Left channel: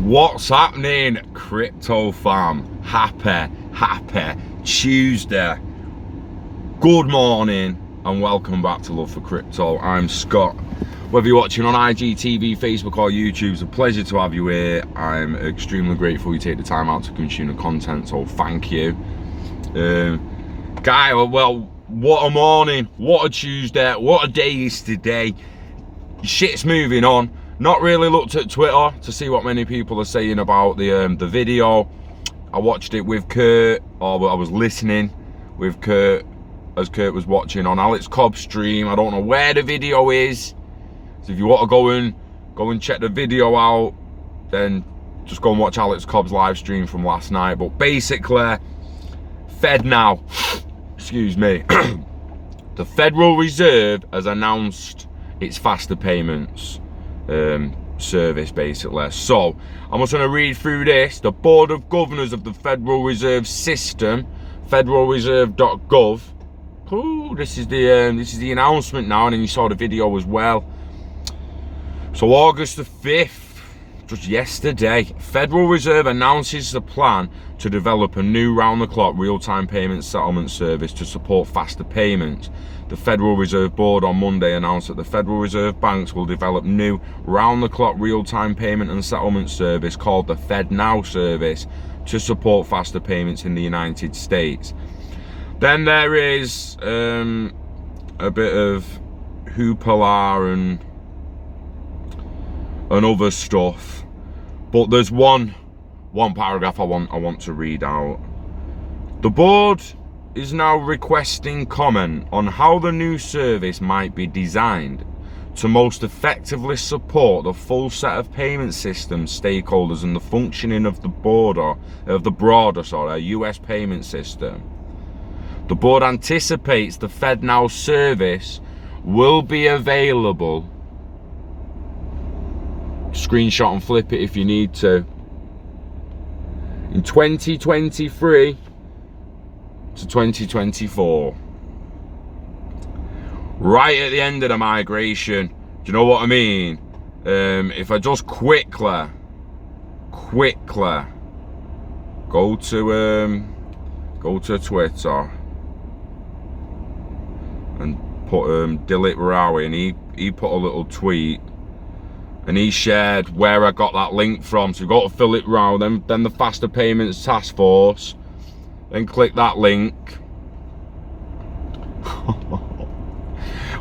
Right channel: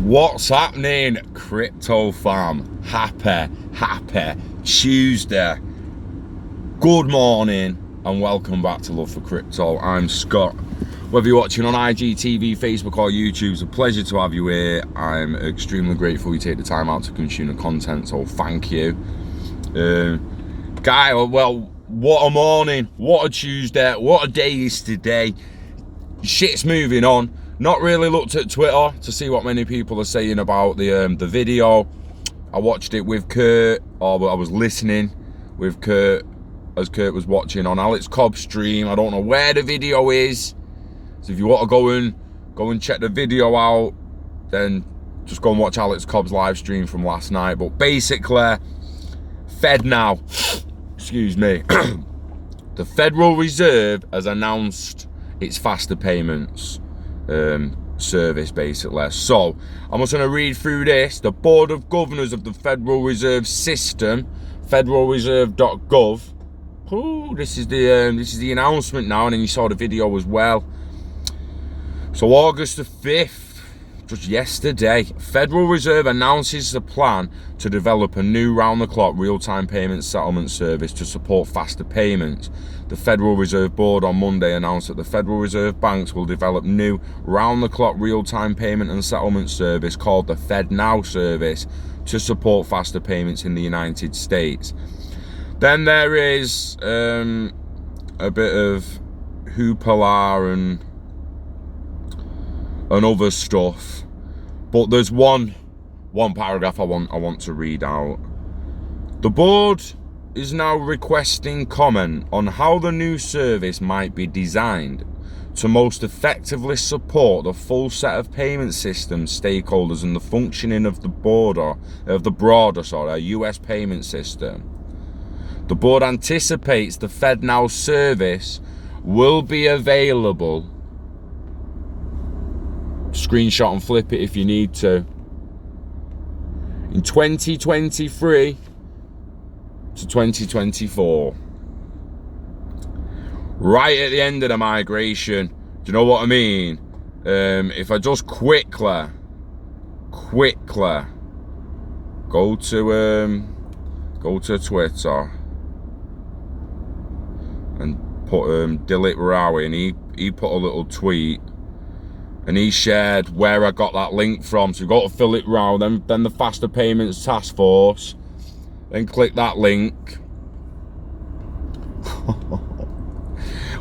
What's happening, crypto fam? Happy Tuesday. Good morning and welcome back to Love for Crypto. I'm Scott. Whether you're watching on IGTV, Facebook or YouTube, it's a pleasure to have you here. I'm extremely grateful you take the time out to consume the content, so thank you. Guy, well, what a morning, what a Tuesday, what a day is today. Shit's moving on. Not really looked at Twitter to see what many people are saying about the video. I watched it with Kurt, or I was listening with Kurt as Kurt was watching on Alex Cobb's stream. I don't know where the video is, so if you want to go and check the video out, then just go and watch Alex Cobb's live stream from last night. But basically, FedNow, excuse me, the Federal Reserve has announced its faster payments service, basically. So I'm just going to read through this. The Board of Governors of the Federal Reserve System, federalreserve.gov. Oh, this is the announcement now, and then you saw the video as well. So August the 5th, just yesterday, Federal Reserve announces the plan to develop a new round-the-clock real-time payment settlement service to support faster payments. The Federal Reserve Board on Monday announced that the Federal Reserve banks will develop new round-the-clock real-time payment and settlement service called the FedNow service to support faster payments in the United States. Then there is a bit of hoopla and other stuff, but there's one paragraph I want to read out. The board is now requesting comment on how the new service might be designed to most effectively support the full set of payment system stakeholders and the functioning of the broader US payment system. The board anticipates the FedNow service will be available. Screenshot and flip it if you need to. In 2023 to 2024. Right at the end of the migration. Do you know what I mean? If I just quickly go to Twitter and put Dilip Rawi, and he put a little tweet. And he shared where I got that link from. So you go to Philip Rao, then the Faster Payments Task Force, then click that link.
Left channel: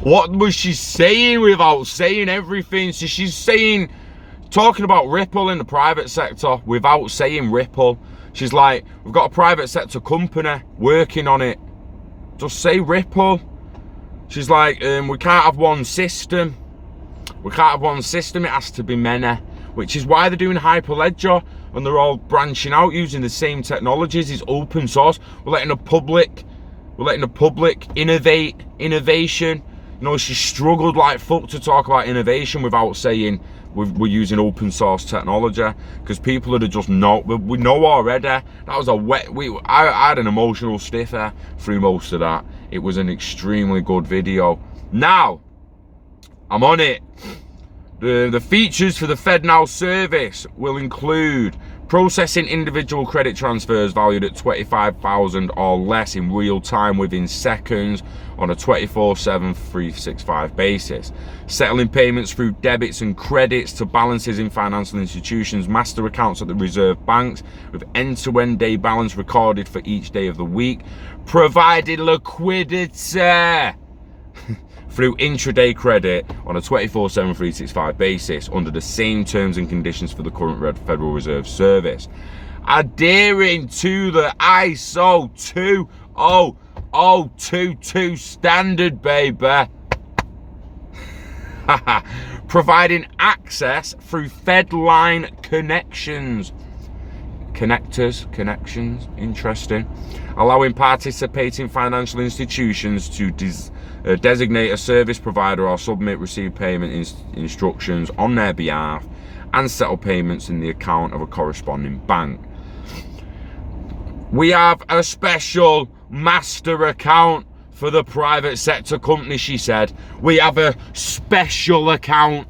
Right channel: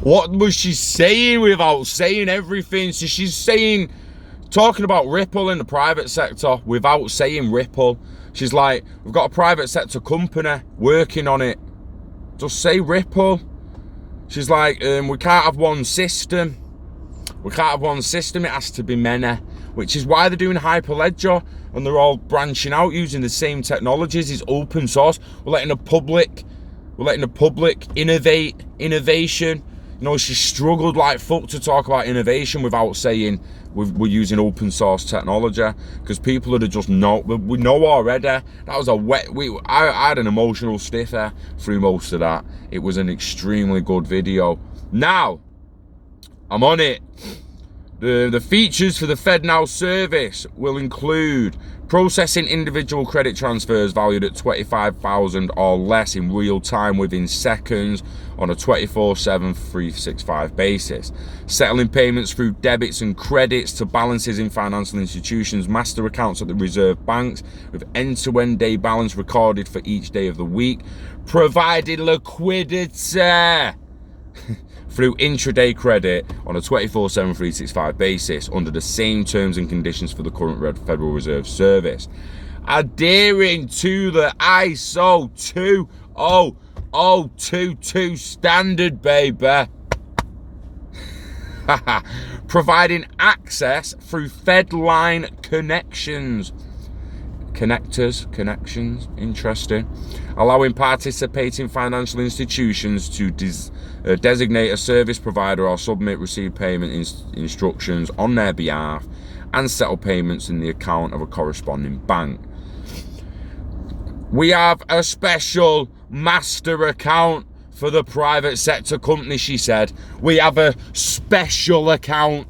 What was she saying without saying everything? So she's talking about Ripple in the private sector without saying Ripple. She's like, we've got a private sector company working on it. Just say Ripple. She's like, we can't have one system. We can't have one system, it has to be many, which is why they're doing Hyperledger and they're all branching out using the same technologies. It's open source. We're letting the public innovation. You know, she struggled like fuck to talk about innovation without saying we're using open source technology, because people would have just know. We know already. That was I had an emotional stiffer through most of that. It was an extremely good video. Now, I'm on it. The features for the FedNow service will include processing individual credit transfers valued at $25,000 or less in real time within seconds on a 24/7 365 basis, settling payments through debits and credits to balances in financial institutions, master accounts at the reserve banks with end-to-end day balance recorded for each day of the week, providing liquidity through intraday credit on a 24/7 365 basis under the same terms and conditions for the current Federal Reserve service. Adhering to the ISO 20022 standard, baby. Providing access through Fedline connections. Connections, interesting. Allowing participating financial institutions to designate a service provider or submit received payment instructions on their behalf and settle payments in the account of a corresponding bank. We have a special master account for the private sector company, she said. We have a special account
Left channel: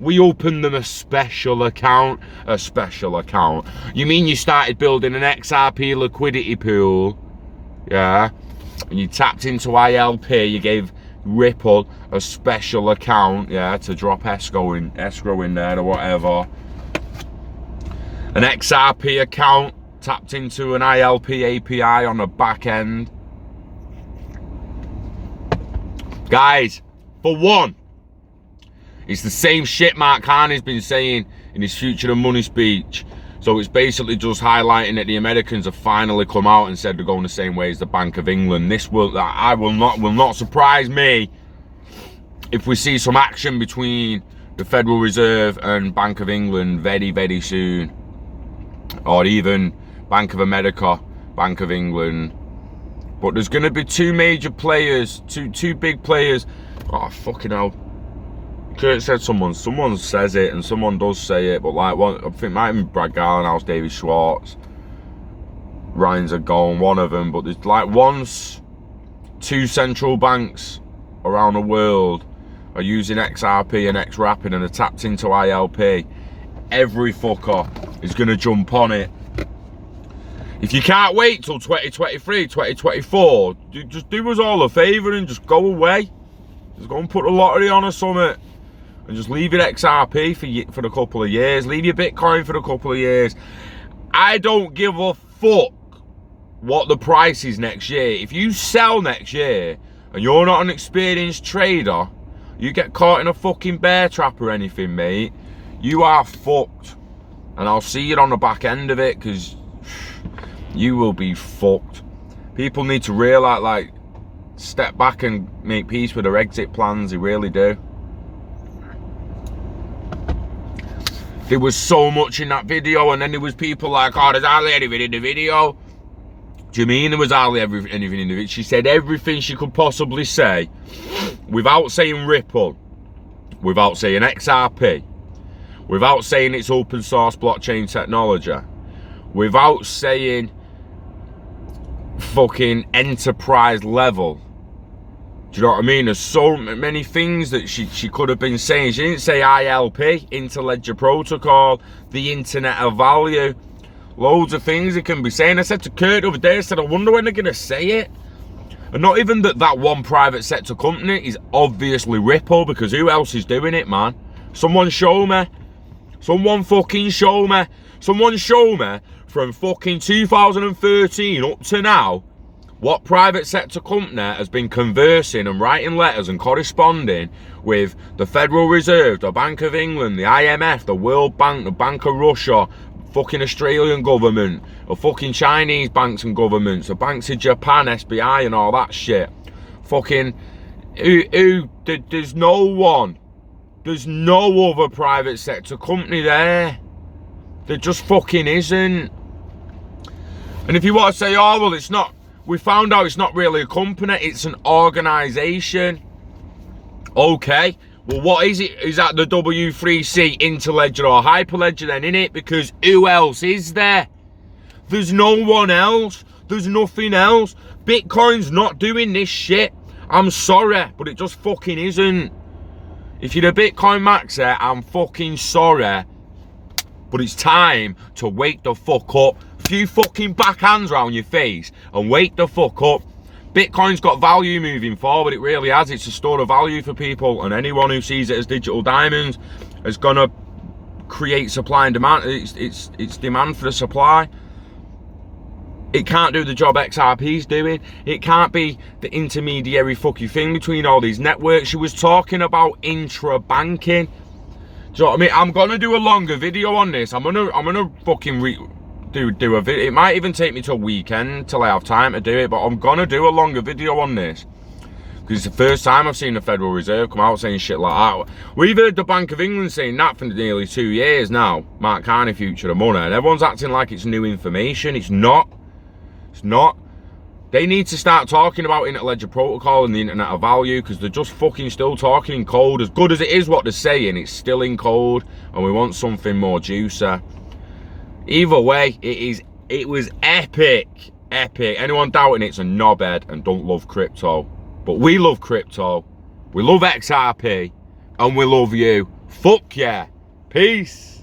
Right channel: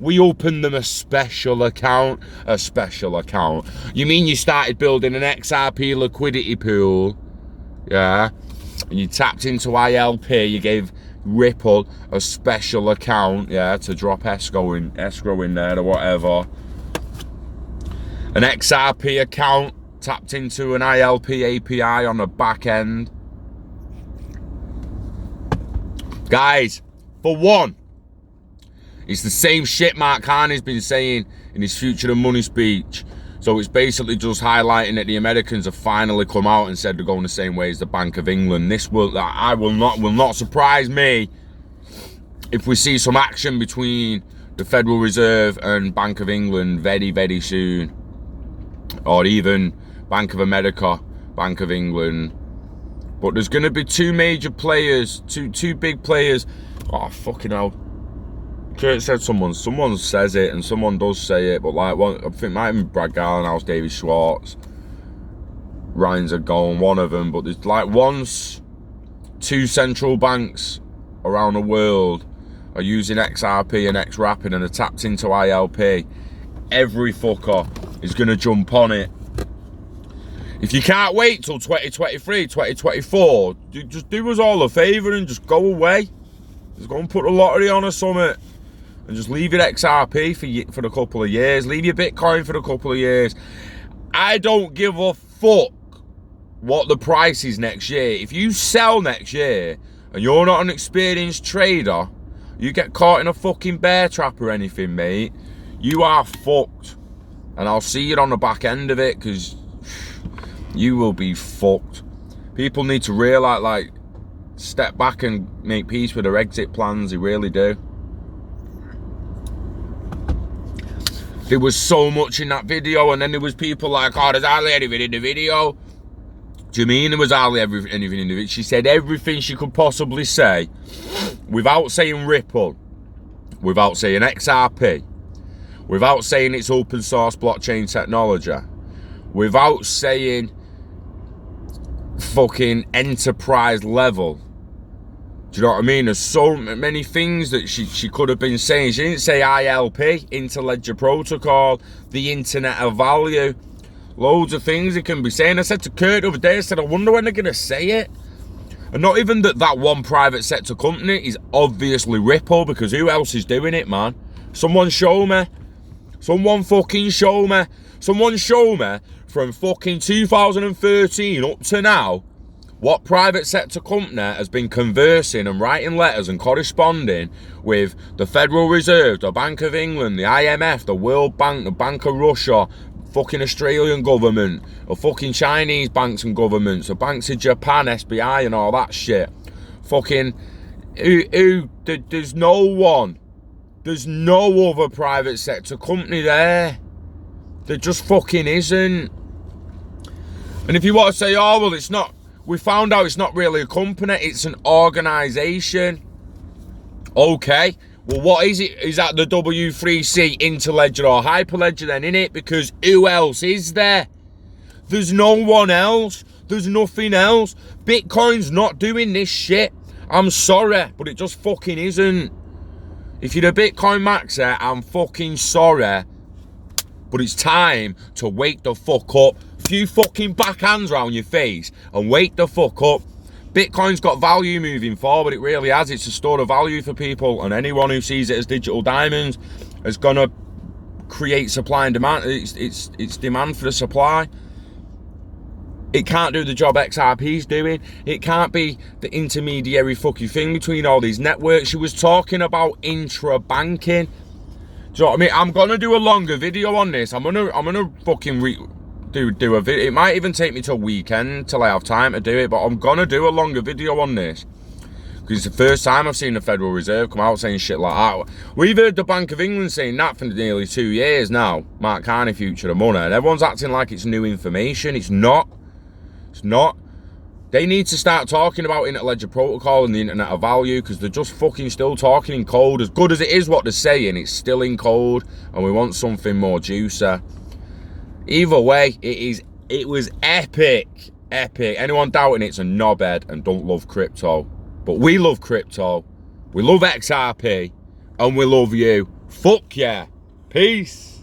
We opened them a special account. A special account. You mean you started building an XRP liquidity pool? Yeah. And you tapped into ILP. You gave Ripple a special account, yeah, to drop escrow in there or whatever. An XRP account tapped into an ILP API on the back end. Guys, for one, it's the same shit Mark Carney's been saying in his Future of Money speech. So it's basically just highlighting that the Americans have finally come out and said they're going the same way as the Bank of England. This will not surprise me if we see some action between the Federal Reserve and Bank of England very, very soon. Or even Bank of America, Bank of England. But there's going to be two major players, two big players. Oh, fucking hell. Kurt said someone says it, and someone does say it, but like, I think it might be Brad Garlenhouse, David Schwartz, Ryan's a goal, one of them, but there's like two central banks around the world are using XRP and XRP and are tapped into ILP. Every fucker is going to jump on it. If you can't wait till 2023, 2024, just do us all a favour and just go away. Just go and put a lottery on or something. And just leave your XRP for a couple of years. Leave your Bitcoin for a couple of years. I don't give a fuck what the price is next year. If you sell next year and you're not an experienced trader, you get caught in a fucking bear trap or anything, mate, you are fucked. And I'll see you on the back end of it, because you will be fucked. People need to realise, like, step back and make peace with their exit plans. They really do. There was so much in that video, and then there was people like, oh, there's hardly anything in the video. Do you mean there was hardly anything in the video? She said everything she could possibly say without saying Ripple, without saying XRP, without saying it's open source blockchain technology, without saying fucking enterprise level. Do you know what I mean? There's so many things that she could have been saying. She didn't say ILP, Interledger Protocol, the Internet of Value. Loads of things it can be saying. I said to Kurt the other day, I said, I wonder when they're going to say it. And not even that one private sector company is obviously Ripple, because who else is doing it, man? Someone show me. Someone fucking show me. Someone show me from fucking 2013 up to now what private sector company has been conversing and writing letters and corresponding with the Federal Reserve, the Bank of England, the IMF, the World Bank, the Bank of Russia, fucking Australian government, or fucking Chinese banks and governments, the banks of Japan, SBI and all that shit. Fucking, there's no one. There's no other private sector company there. There just fucking isn't. And if you want to say, oh, well, it's not, we found out it's not really a company, it's an organisation. Okay, well, what is it? Is that the W3C Interledger or Hyperledger then, innit? Because who else is there? There's no one else. There's nothing else. Bitcoin's not doing this shit. I'm sorry, but it just fucking isn't. If you're a Bitcoin maxer, I'm fucking sorry, but it's time to wake the fuck up. A few fucking backhands round your face and wake the fuck up. Bitcoin's got value moving forward, it really has. It's a store of value for people, and anyone who sees it as digital diamonds is gonna create supply and demand. It's demand for the supply. It can't do the job XRP's doing. It can't be the intermediary fucking thing between all these networks. She was talking about intra-banking. Do you know what I mean? I'm gonna do a longer video on this. I'm gonna fucking do a video. It might even take me till weekend till I have time to do it, but I'm gonna do a longer video on this, because it's the first time I've seen the Federal Reserve come out saying shit like that. We've heard the Bank of England saying that for nearly 2 years now. Mark Carney, Future of Money, and everyone's acting like it's new information. It's not. It's not. They need to start talking about Interledger Protocol and the Internet of Value, because they're just fucking still talking in code. As good as it is what they're saying, it's still in code, and we want something more juicy. Either way, it was epic. Anyone doubting it's a knobhead and don't love crypto. But we love crypto, we love XRP, and we love you. Fuck yeah. Peace.